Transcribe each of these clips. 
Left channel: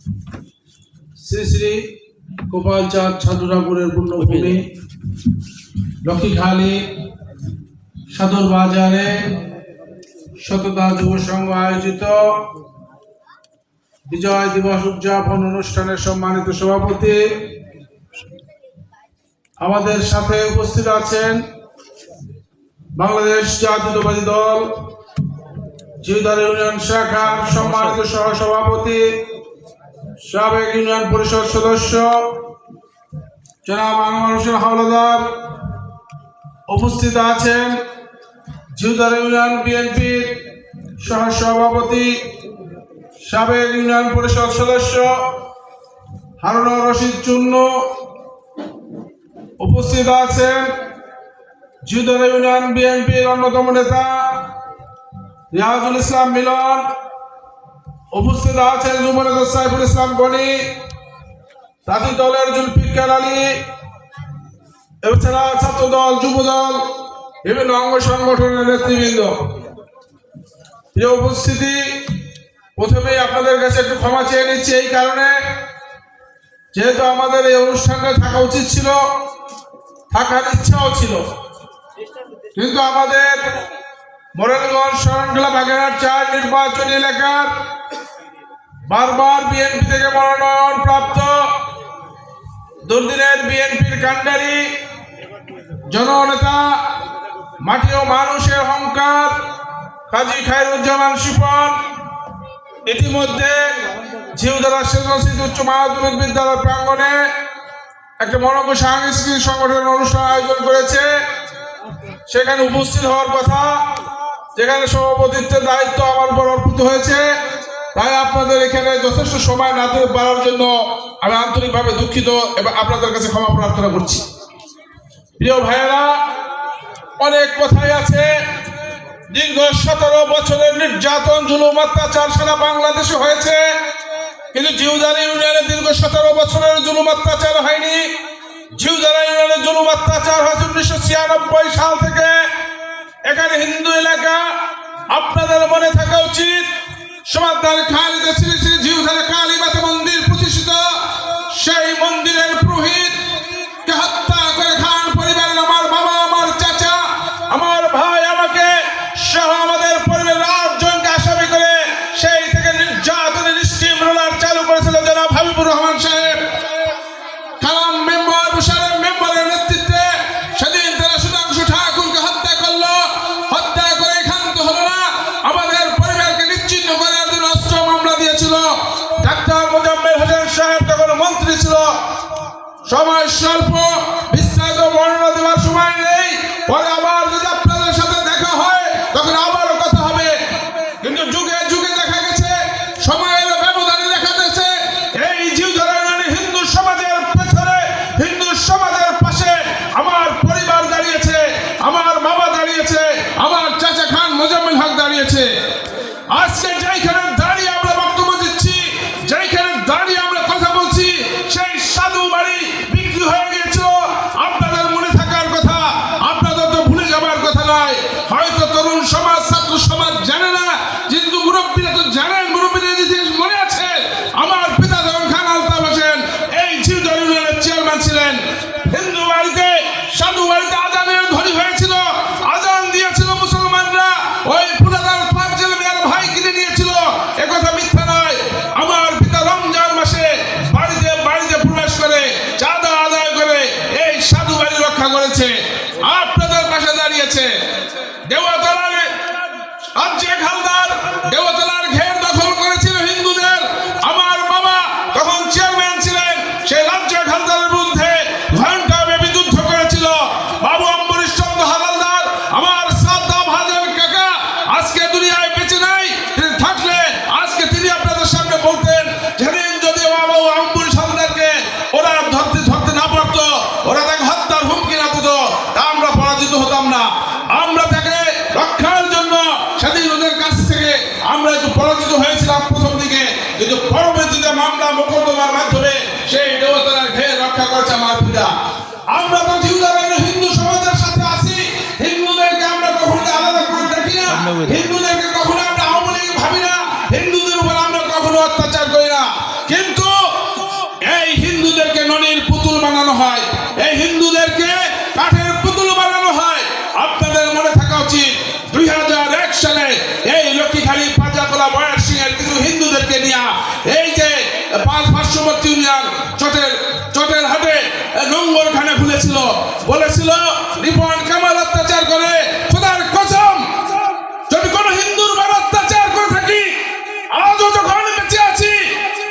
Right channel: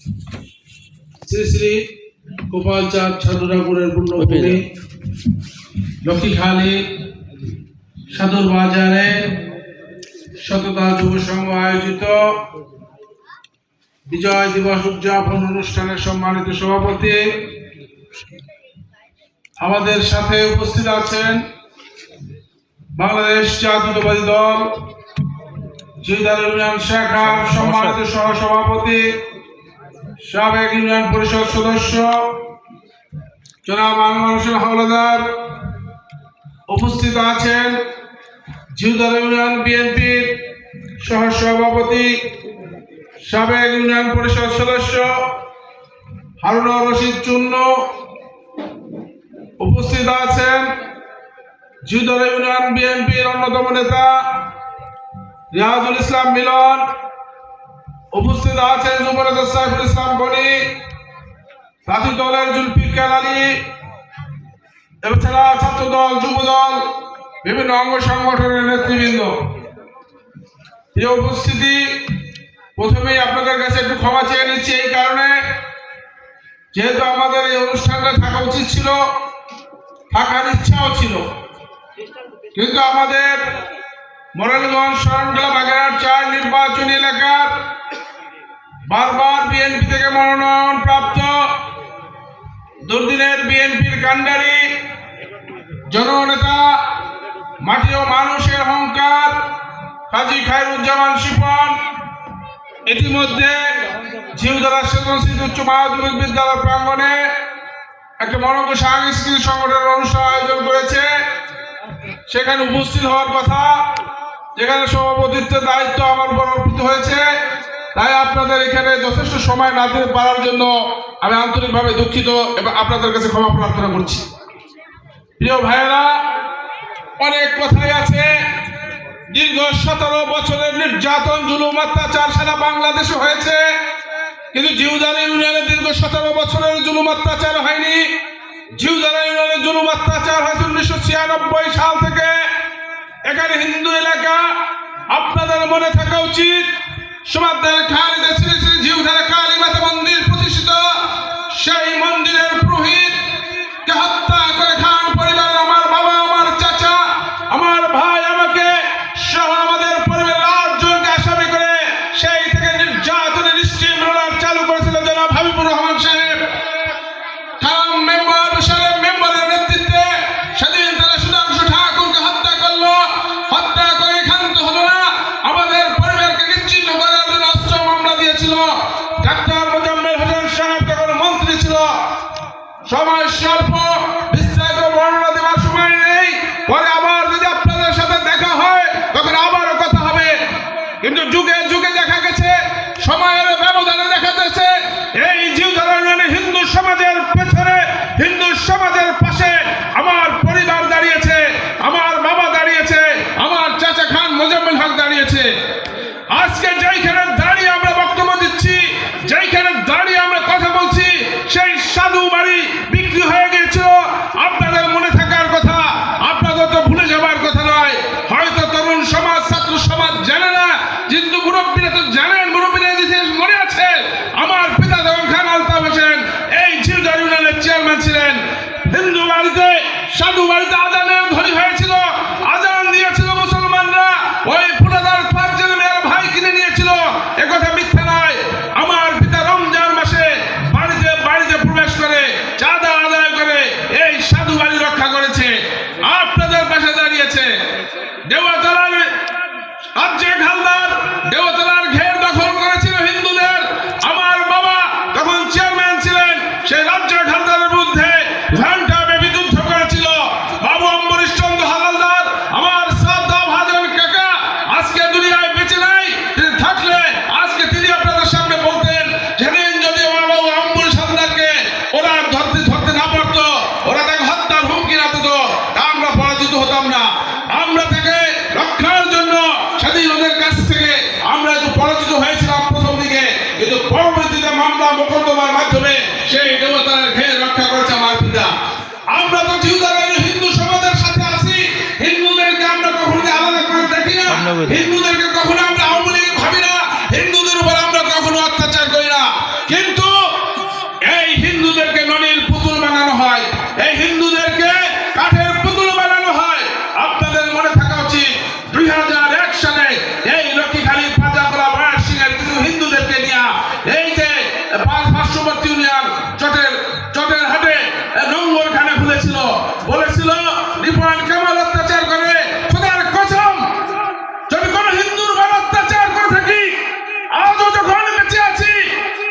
শ্রী শ্রী গোপাল চাঁদ সাধু ঠাকুরের পূর্ণভূমি লক্ষ্মীখালী সাধুর বাজারে সততা যুব সংঘ আয়োজিত বিজয় দিবস উদযাপন অনুষ্ঠানের সম্মানিত সভাপতি, আমাদের সাথে উপস্থিত আছেন বাংলাদেশ জাতীয়তাবাদী দল জিউদার ইউনিয়ন শাখার সম্মানিত সহসভাপতি, সাবেক ইউনিয়ন পরিষদ সদস্য জনাব আনোয়ার হোসেন হাওলাদার। উপস্থিত আছেন জিউদার ইউনিয়ন বিএনপির সহসভাপতি, সাবেক ইউনিয়ন পরিষদ সদস্য হারুনুর রশিদ চুন্নু। উপস্থিত আছেন জিউদার ইউনিয়ন বিএনপির অন্যতম নেতা রিয়াজুল ইসলাম মিলন। উপস্থিত আছেন যুব নেতা সাইফুল ইসলাম গনি, জাতীয় দলের জুলফিকার আলী, এছাড়া ছাত্র দল, যুব দল, বিভিন্ন অঙ্গ সংগঠনের নেতৃবৃন্দ। প্রিয় উপস্থিতি, প্রথমেই আপনাদের কাছে একটু ক্ষমা চেয়ে নিচ্ছি এই কারণে, যেহেতু আমাদের এই অনুষ্ঠানটা থাকা উচিত ছিল, থাকার ইচ্ছাও ছিল, কিন্তু আমাদের মোরেলগঞ্জ শরণখোলা বাগেরহাট 4 নির্বাচনী এলাকার বারবার বিএনপি থেকে মনোনয়ন প্রাপ্ত দুর্দিনের বিএনপির কাণ্ডারি জননেতা, মাটি ও মানুষের অহংকার কাজী খায়রুজ্জামান শিপন ইতিমধ্যে জিউদারা সেজনশীল উচ্চ মাধ্যমিক বিদ্যালয় প্রাঙ্গণে একটা মনোজ্ঞ সাংস্কৃতিক সংগঠনের অনুষ্ঠান আয়োজন করেছে। সেখানে উপস্থিত হওয়ার কথা, যেখানে সভাপতিত্বের দায়িত্ব আমার উপর অর্পিত হয়েছে, তাই আপনাদের এখানে যথেষ্ট সময় না দিতে পারার জন্য আমি আন্তরিকভাবে দুঃখিত এবং আপনাদের কাছে ক্ষমা প্রার্থনা করছি। প্রিয় ভাইয়েরা, অনেক কথাই আছে। দীর্ঘ 17 বছরের নির্যাতন, জুলুম, অত্যাচার সারা বাংলাদেশে হয়েছে, কিন্তু জিউদারা ইউনিয়নে দীর্ঘ 17 বছরের জুলুম অত্যাচার হয়নি। জিউদারা ইউনিয়নের জুলুম অত্যাচার হয়েছে 1996 সাল থেকে। এখানে হিন্দু এলাকা, আপনাদের মনে থাকা উচিত, সমাদার খালিদে শ্রী শ্রী জিউদারা কালী মাতা মন্দির প্রতিষ্ঠিত, সেই মন্দিরের পুরোহিতকে হত্যা করে খান পরিবারের আমার বাবা, আমার চাচা, আমার ভাই, আমাকে সহ আমাদের পরিবারের 8 জনকে আসামি করে সেই থেকে নির্যাতনের স্টিম রোলার চালু করেছিল জনাব হাবিবুর রহমান সাহেব। কালাম মেম্বার, মুশাররফ মেম্বারের নেতৃত্বে সেদিন তারা সুধাংশু ঠাকুরকে হত্যা করলো। হত্যা করে ক্ষান্ত হলো না, আমাদের পরিবারকে নিশ্চিহ্ন করার জন্য অস্ত্র মামলা দিয়েছিল। ডাক্তার মোজাম্মেল হোসেন সাহেব তখন মন্ত্রী ছিল। সময় স্বল্প, বিস্তারিত বর্ণনা দেওয়ার সময় নেই, পরে আবার যদি আপনাদের সাথে দেখা হয় তখন আবারও কথা হবে। কিন্তু যুগে যুগে দেখা গেছে, সময়ের ব্যবধানে দেখা গেছে, এই জিউদারা ইউনিয়নের হিন্দু সমাজের পেছনে, হিন্দু সমাজের পাশে আমার পরিবার দাঁড়িয়েছে, আমার বাবা দাঁড়িয়েছে, আমার চাচা খান মোজাম্মেল হক দাঁড়িয়েছে। আজকে যেইখানে দাঁড়িয়ে আমরা বক্তব্য দিচ্ছি, যেইখানে দাঁড়িয়ে আমরা কথা বলছি, সেই সাধু বাড়ি বিক্রি হয়ে গিয়েছিল। আপনাদের মনে থাকার কথা, আপনাদের তো ভুলে যাবার কথা নয়। হয়তো তরুণ সমাজ, ছাত্র সমাজ জানে না, কিন্তু মুরব্বীরা তো জানেন, মুরব্বীরা মনে আছে। আমার পিতা যখন খান আলতাফ হোসেন এই জিউদারা ইউনিয়নের চেয়ারম্যান ছিলেন, হিন্দু বাড়িতে, সাধু বাড়িতে আজানের ধ্বনি হয়েছিল, আজান দিয়েছিল মুসলমানরা, ওই পুরাদার ফারজান মিয়ার ভাই কিনে নিয়েছিল। একথা মিথ্যা নয়। আমার পিতা রমজান মাসে বাড়িতে বাড়িতে প্রবেশ করে চাঁদা আদায় করে এই সাধু বাড়ি রক্ষা করেছে, আপনাদের পাশে দাঁড়িয়েছে। দেওয়াতলার রাজ্যে হালদার দেওয়াতলার ঘের দখল করেছিল হিন্দুদের। আমার বাবা তখন চেয়ারম্যান ছিলেন, সেই রাজ্য হালদারের বিরুদ্ধে ঘণ্টাব্যাপী যুদ্ধ করেছিল। বাবু অম্বরীশ চন্দ্র হালদার, আমার শ্রদ্ধা ভাজন কাকা, আজকে দুনিয়ায় বেঁচে নাই। তিনি থাকলে আজকে তিনি আপনাদের সামনে বলতেন, যেদিন যদি বাবু অম্বরীশ হালদারকে ওরা ধরতে না পারতো, ওরা তাকে হত্যার হুমকি না দিত, তা আমরা পরাজিত হতাম না। আমরা তাকে রক্ষার জন্য সেদিন ওদের কাছ থেকে আমরা একটু পরাজিত হয়েছিলাম প্রথম দিকে, কিন্তু পরবর্তীতে মামলা মোকদ্দমার মাধ্যমে সেই দেবতার ঘের রক্ষা করেছে আমার পিতা। আমরা তো জিউদারা হিন্দু সমাজের সাথে আছি, হিন্দুদেরকে আমরা কখনো আলাদা করে দেখি না, হিন্দুদেরকে কখনো আমরা আওয়ামী লীগ ভাবি না, হিন্দুদের উপর আমরা কখনো অত্যাচার করি না। কিন্তু বলেছিল রিপন কামাল অত্যাচার করে। খোদার কসম, যদি কোন হিন্দুর উপর অত্যাচার করে থাকি, আজও যখন বেঁচে আছি,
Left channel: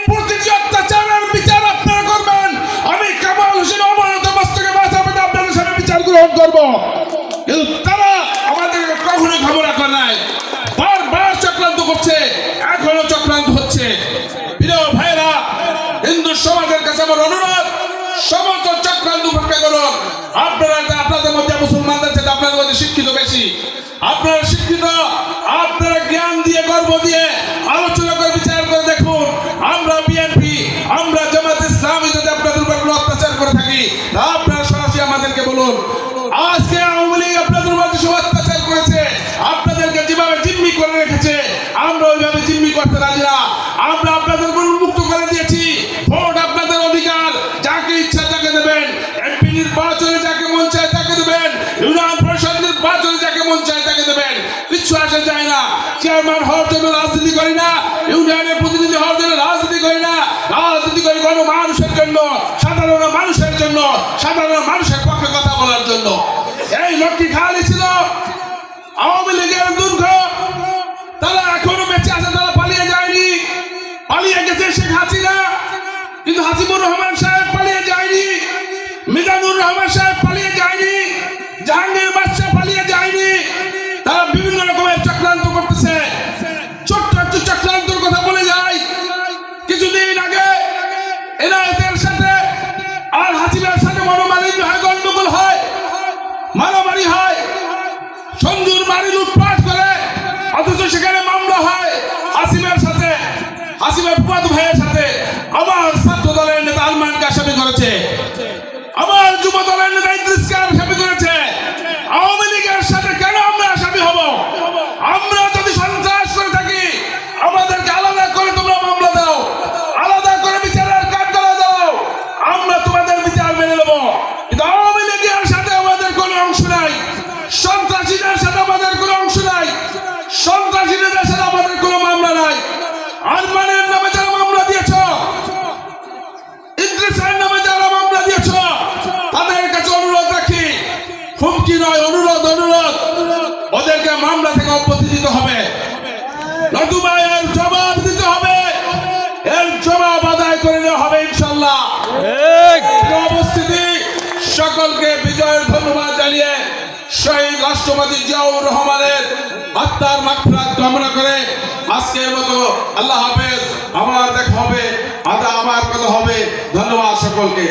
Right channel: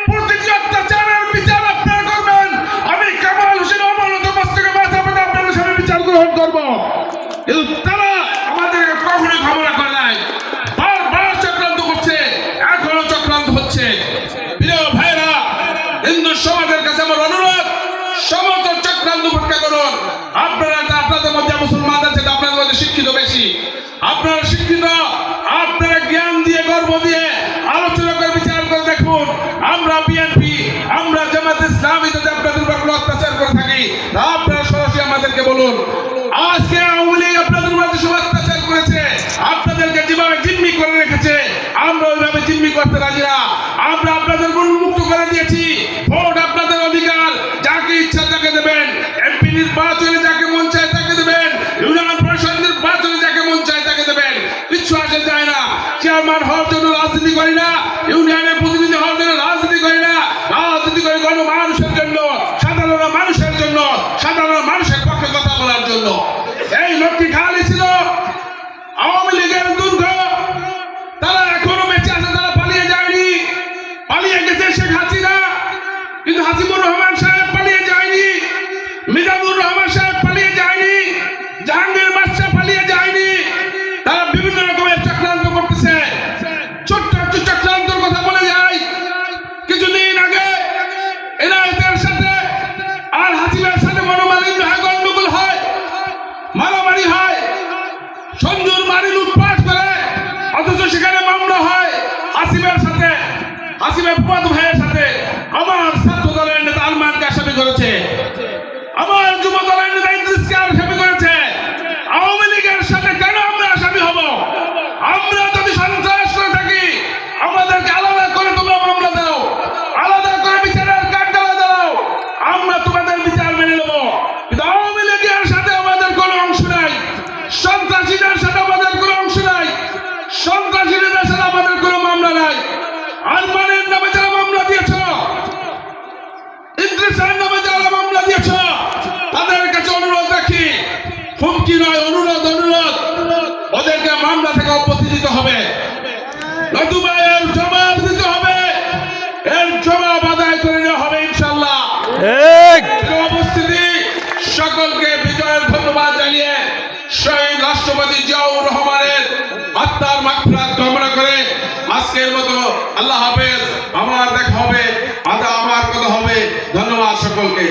প্রতিটি অত্যাচারের বিচার আপনারা করবেন। আমি কামাল হোসেন অবনত মস্তকে মাথা পেতে আপনাদের সামনে বিচার গ্রহণ করব। কিন্তু তারা আমাদেরকে কখনোই ক্ষমা করে নাই, বারবার চক্রান্ত করছে, এখনো চক্রান্ত হচ্ছে। প্রিয় ভাইরা, হিন্দু সমাজের কাছে আমার অনুরোধ, সমস্ত চক্রান্ত উপেক্ষা করুন। আপনারা আপনাদের মধ্যে মুসলমানদের থেকে আপনাদের মধ্যে শিক্ষিত বেশি, আপনারা শিক্ষিত, আপনারা জ্ঞান দিয়ে গর্ব দিয়ে আলোচনা করে বিচার করে দেখুন। আমরা বিএনপি, আমরা জামাত ইসলামী যদি আপনাদের উপর কোনো অত্যাচার করে থাকি, তা আপনারা সরাসরি আমাদেরকে বলুন। আজকে আওয়ামী লীগ আপনাদের উপর সব অত্যাচার করেছে, আপনাদেরকে যেভাবে জিম্মি করে রেখেছে, আমরা ওইভাবে জিম্মি করতে রাজি না। আমরা আপনাদের মুক্ত করে দিয়েছি, ভোট আপনাদের অধিকার, যাকে ইচ্ছা তাকে দেবেন, এমপি নির্বাচনে যাকে মন চায় তাকে দেবেন, ইউনিয়ন পরিষদ নির্বাচনে যাকে মন চায় তাকে দেবেন, কিচ্ছু আসে যায় না। চেয়ারম্যান হওয়ার জন্য রাজনীতি করি না, ইউনিয়নের প্রতিনিধি হওয়ার জন্য রাজনীতি করি না, রাজনীতি করি গণমানুষের জন্য, সাধারণ মানুষের জন্য, সাধারণ মানুষের পক্ষে কথা বলার জন্য। এই লোকটি খালি ছিল আওয়ামী লীগের দুর্গ, তারা এখনো বেঁচে আছে, তারা পালিয়ে যায়নি। পালিয়ে গেছে শেখ হাসিনা, কিন্তু হাসিবুর রহমান সাহেব পালিয়ে যায়নি, মিজানুর রহমান সাহেব পালিয়ে যায়নি, জাহাঙ্গীর বাদশাহ পালিয়ে যায়নি। তারা বিভিন্ন রকমের চক্রান্ত করতেছে। ছোট্ট একটু চক্রান্তর কথা বলে যায়। কিছুদিন আগে এনায়েতের সাথে আর হাসিনার সাথে মনোমালিন্য হয়, গন্ডগোল হয়, মারামারি হয়, সঞ্জুর বাড়ি লুটপাট করে, অথচ সেখানে মামলা হয় হাসিমের সাথে, হাসিমের ফুয়াদ ভাইয়ের সাথে। আমার ছাত্র দলের নেতা আলমানকে আসামি করেছে, আমার যুব দলের নেতা ইদ্রিসকে আসামি করেছে। আওয়ামী লীগের সাথে কেন আমরা আসামি হব? আমরা যদি সন্ত্রাস করে থাকি, আমাদেরকে আলাদা করে তোমরা মামলা দাও, আলাদা করে বিচারের কাঠগড়ায় দাও, আমরা তোমাদের বিচার মেনে নেব। কিন্তু আওয়ামী লীগের সাথে আমাদের কোনো অংশ নাই, সন্ত্রাসীদের সাথে আমাদের কোনো অংশ নাই, সন্ত্রাসীদের সাথে আমাদের কোনো মামলা নাই। আরমানের নামে যারা মামলা দিয়েছ, ইদ্রিসের নামে যারা মামলা দিয়েছ, তাদের কাছে অনুরোধ রাখি, হুমকি নয়, অনুরোধ, ওদেরকে মামলা থেকে অব্যাহতি দিতে হবে, নতুবা এর জবাব দিতে হবে, এর জবাব আদায় করে নেওয়া হবে ইনশাল্লাহ। উপস্থিতি সকলকে বিজয়ের ধন্যবাদ জানিয়ে শহীদ রাষ্ট্রপতি জিয়াউর রহমানের আত্মার মাগফিরাত কামনা করে আজকের মতো আল্লাহ হাফেজ। আমার দেখা হবে, আমার কথা হবে। ধন্যবাদ সকলকে।